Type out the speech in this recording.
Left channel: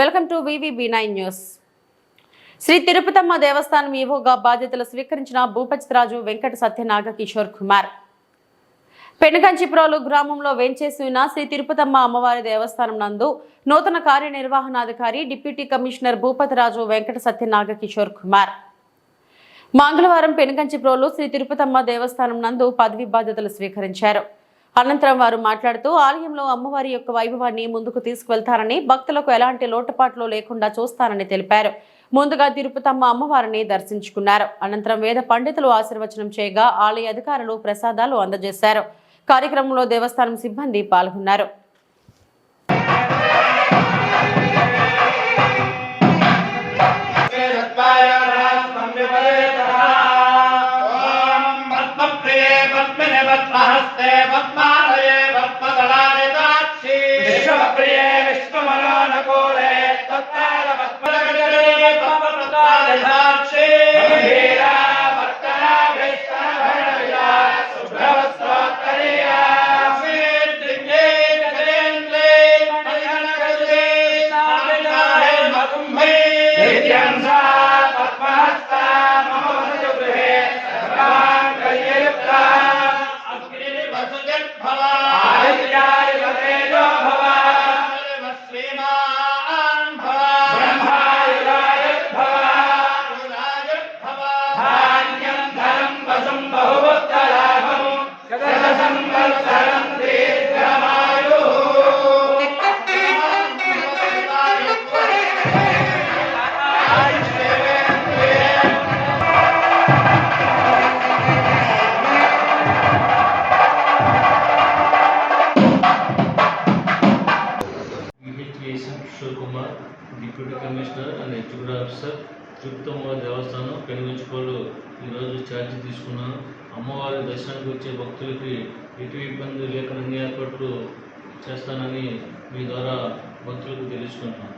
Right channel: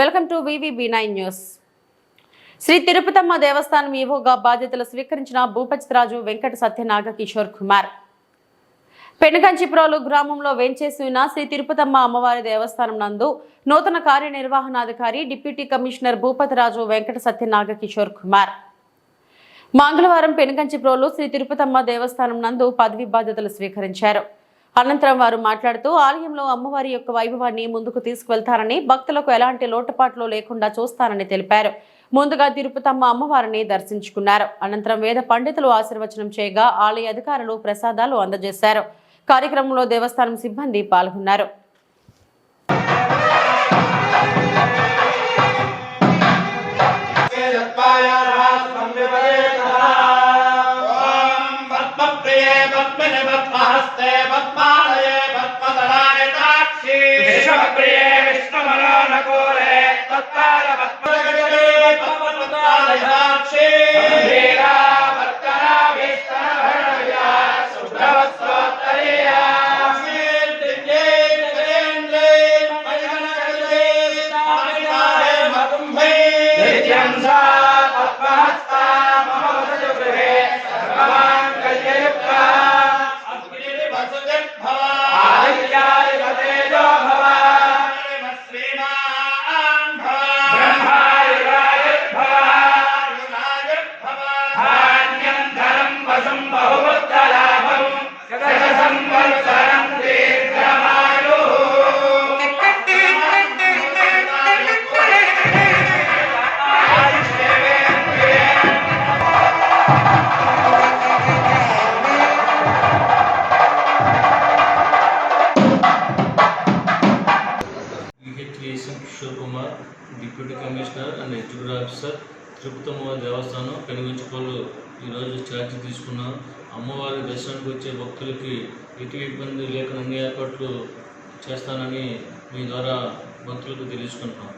Welcome to V V B nine news. Sri Tirupatamma దేవస్థానం ఈవోగా బాధ్యతలు స్వీకరించిన భూపతిరాజు వెంకట సత్యనాగ కిషోర్ కుమార్. పెనుగంచిపురాలు గ్రామంలో వేంచేసి ఉన్న శ్రీ తిరుపతమ్మ అమ్మవారి దేవస్థానం నందు నూతన కార్యనిర్వహణాధికారి డిప్యూటీ కమిషనర్ భూపతిరాజు వెంకట సత్యనాగ కిషోర్ కుమార్. మంగళవారం పెనుగంచిప్రోలు శ్రీ తిరుపతమ్మ దేవస్థానం నందు పదవి బాధ్యతలు స్వీకరించారు. అనంతరం వారు మాట్లాడుతూ ఆలయంలో అమ్మవారి యొక్క వైభవాన్ని ముందుకు తీసుకువెళ్తారని భక్తులకు ఎలాంటి లోటుపాట్లు లేకుండా చూస్తారని తెలిపారు. ముందుగా తిరుపతమ్మ అమ్మవారిని దర్శించుకున్నారు. అనంతరం వేద పండితులు ఆశీర్వచనం చేయగా ఆలయ అధికారులు ప్రసాదాలు అందజేశారు. కార్యక్రమంలో దేవస్థానం సిబ్బంది పాల్గొన్నారు. पद्मप्रिये पद्मिने पद्महस्ते पद्मालये पद्मदलाय दाक्षी विश्वप्रिये विष्णुमनोनुकूले तत्काल पद्मगजले ভাড়া KCM Kishore Kumar deputy commissioner and executive officer Tirupatamma దేవస్థానం పెనుగంచుకోలు. ఈరోజు ఛార్జీ తీసుకున్నాను అమ్మవారి దర్శనానికి వచ్చే భక్తులకి ఎటు ఇబ్బంది లేకుండా అన్ని ఏర్పాట్లు చేస్తానని మీ ద్వారా భక్తులకు తెలుసుకుంటున్నాను